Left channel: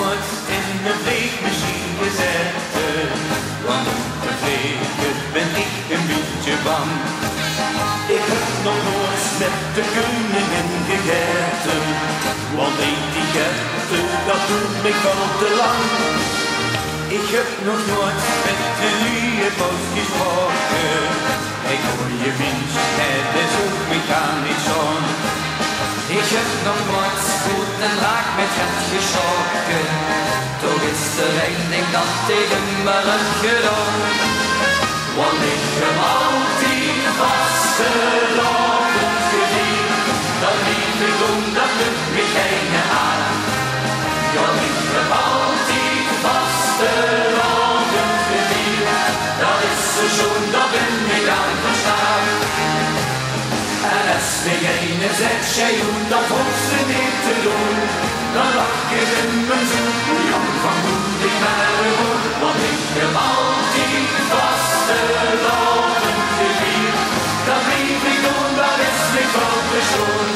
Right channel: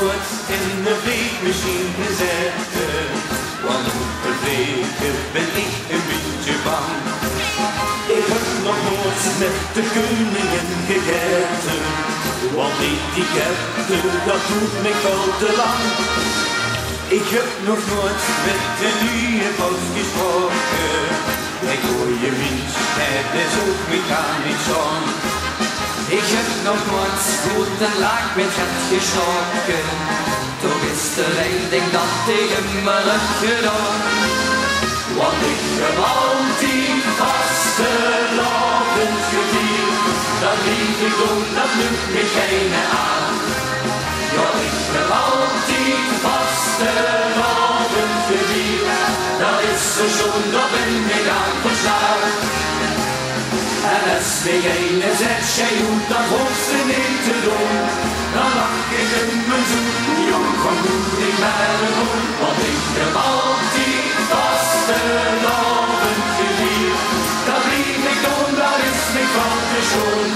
nooit in een vliegmachine gezeten, want om te vliegen ben ik een beetje bang. Ik heb nog nooit met de koningin gegeten, want etiketten, dat doet me veel te lang. Ik heb nog nooit met de nieuwe post gesproken, ik hoor je minst, het is ook mechanisch aan. Ik heb nog nooit goed en laag met het geschrokken, toch is er één ding dat tegen me heb gedaan. Want ik heb altijd vastelavond gevierd, dat lief ik doen, dat lukt me geen aan. Ja, ik heb altijd vastelavond gevierd, dat is zo schoon, dat ben ik aan verstaan. En als degene zegt, jij hoeft dat volste niet te doen, dan lach ik in mijn zoen, jong van moet ik maar doen. Want ik heb altijd vastelavond gevierd, dat lief ik doen, dat is niet van te schoon.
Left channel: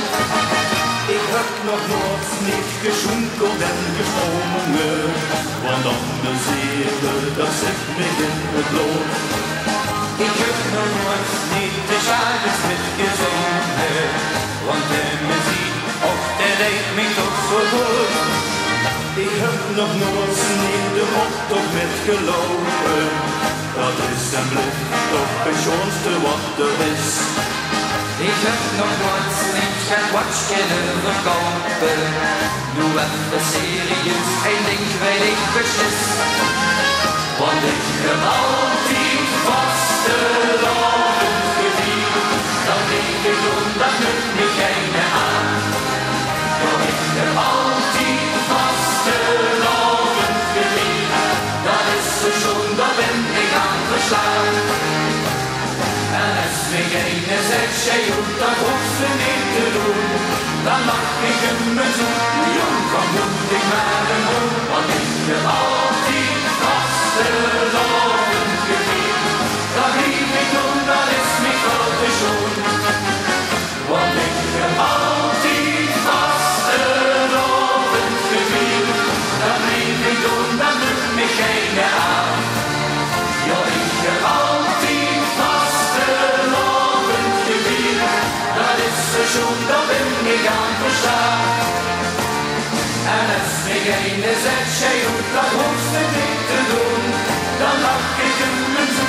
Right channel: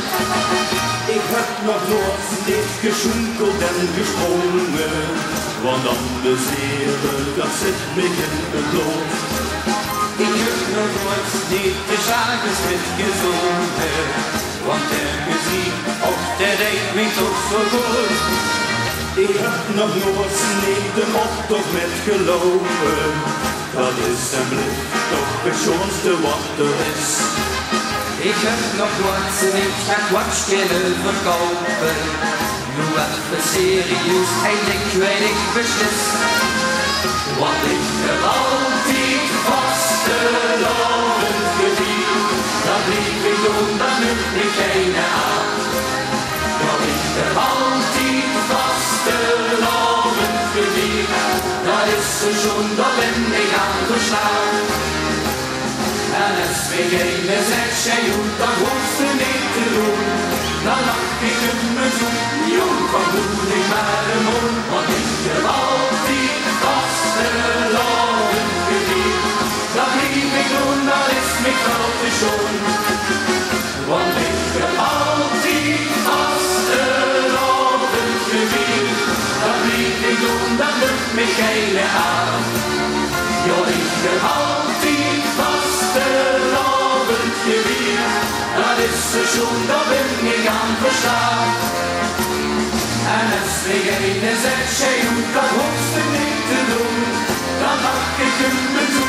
Ik heb nog nooit niet geschoenkeld en gesprongen, want anders eerder, dat zit me in het bloed. Ik heb nog nooit niet de schagers met gezongen, want de muziek, och, dat deed me toch zo goed. Ik heb nog nooit niet de optocht met gelopen, dat is en blijft toch het schoonste wat er is. Ik heb nog nooit niet het watch kunnen verkopen, nu even serieus, één ding weet ik beslist. Want ik heb altijd vastelavond gevierd, dat lief ik doen, dat lukt me geen aan. Ja, ik heb altijd vastelavond gevierd, dat is zo schoon, dat ben ik aan verslaan. En als degene zegt, jij hoeft dat hoogste niet te doen, dan lach ik in mijn zoen, jong van moet ik maar een moe. Want ik heb altijd vastelavond gevierd, dat lief ik doen, dat is me veel te schoon. Want ik heb altijd vastelavond gevierd, dat lief ik doen, dat lukt me geen aan. Ja, ik heb altijd vastelavond gevierd, dat is zo schoon, dat ben ik aan verstaan. En als degene zegt, jij hoeft dat hoogste niet te doen, dan lach ik in mijn zoen.